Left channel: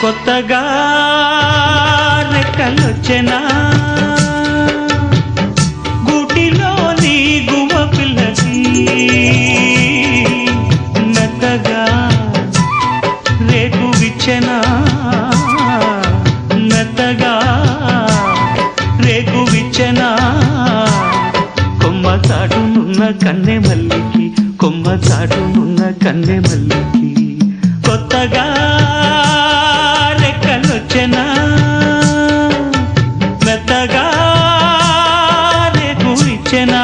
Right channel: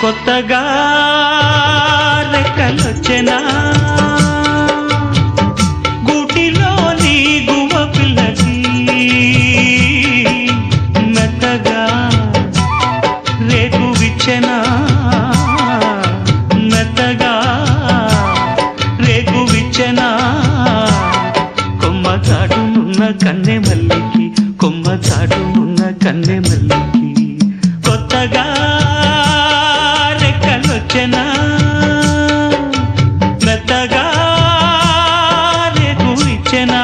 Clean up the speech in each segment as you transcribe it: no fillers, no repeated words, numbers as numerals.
కొత్తగా రెక్కలొచ్చెనా గూటిలోని గువ్వ పిల్లకి మెత్తగా రేకు విచ్చెనా మెత్తగా రేకు విచ్చెనా కొమ్మ చాటునున్న కన్నె మల్లికి కొమ్మ చాటునున్న కన్నె మల్లికి కొత్తగా రెక్కలొచ్చెనా మెత్తగా రేకు ఇచ్చెనా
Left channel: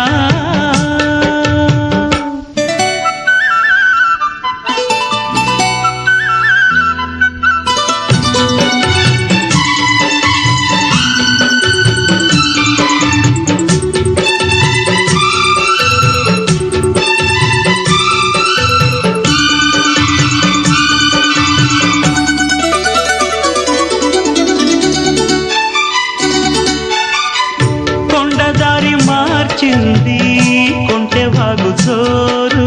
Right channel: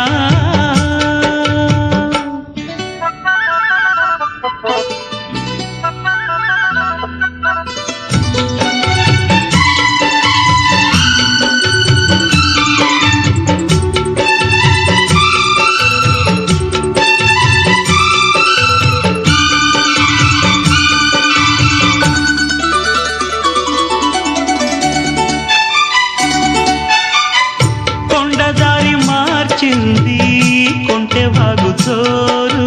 దారి మార్చింది కొంటె వాగు చోరు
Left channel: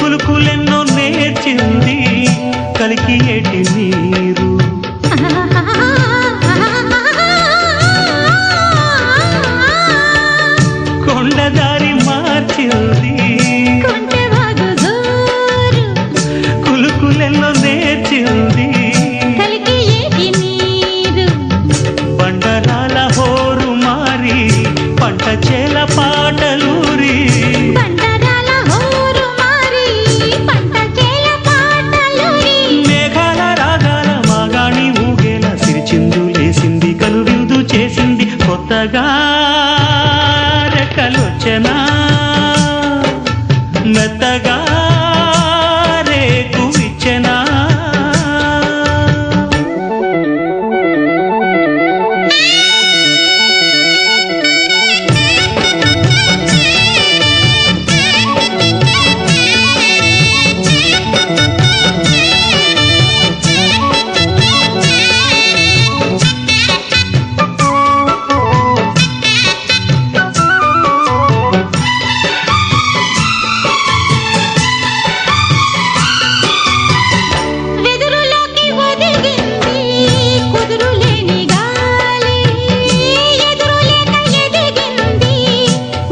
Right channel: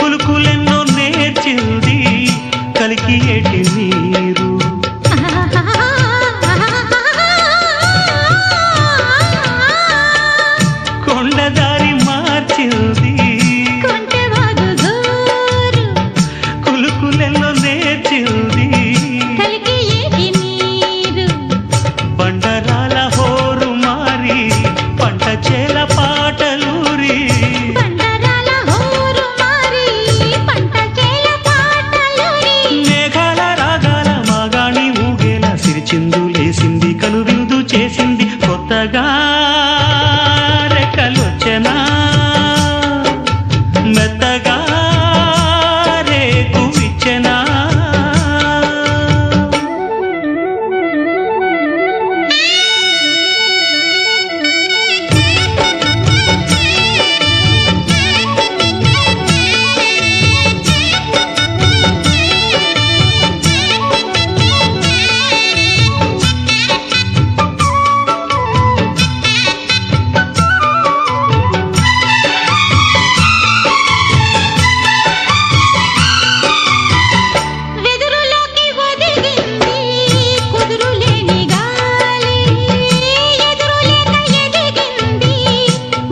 కులుకులెన్నో నేర్చింది కలికి ఏటి నీరు కొండదారి మార్చింది కొంటె వాగు చోరు కులుకులెన్నో నేర్చింది కలికి ఏటి నీరు బండరాల హోరు మారి పంట చేల పాటలూరి బండరాల హోరు మారి పంట చేల పాటలూరి మేఘాల రాగాల మాగాణి ఊగేలా సిరిచిందులేసింది కనువిందు చేసింది కొత్తగా రెక్కలొచ్చెనా మెత్తగా రేకు విచ్చెనా వెదురులోకి ఒదిగింది కుదురులేని గాలి ఎదురులేక ఎదిగింది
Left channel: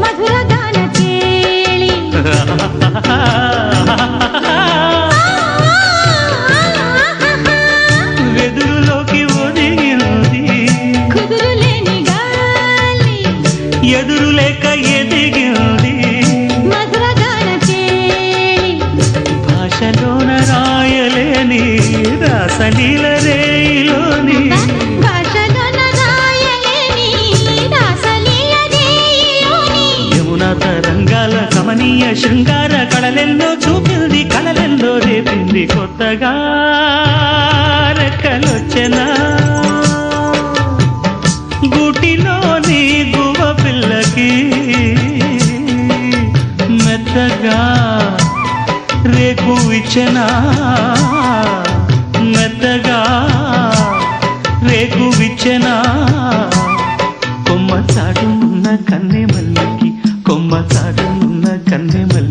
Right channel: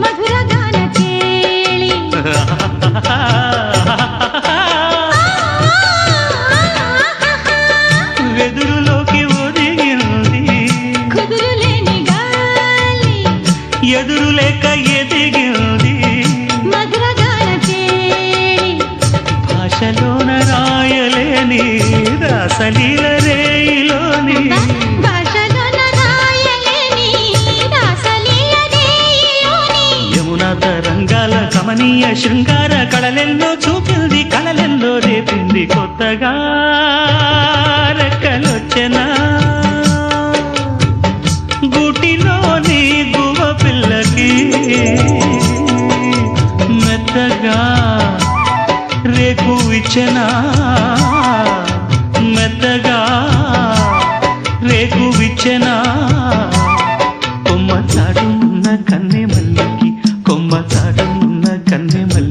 మధురగాన కేళి వెదురులోకి ఒదిగింది కుదురులేని గాలి ఎదురులేక ఎదిగింది మధురగాన కేళి భాషలోన రాయలేని రాసలీల రేయిలోని భాషలోన రాయలేని రాసలీల రేయిలోని యమునా తరంగాల కమనీయ శృంగార కళలెన్నో చూపింది కళలెన్నో రేపింది కొత్తగా రెక్కలొచ్చెనా గూటిలోని గువ్వ పిల్లకి మెత్తగా రేకు ఇచ్చెనా మెత్తగా రేకు విచ్చెనా కొమ్మ చాటునున్న కన్నె మల్లికి కొమ్మ చాటునున్న కన్నె మల్లి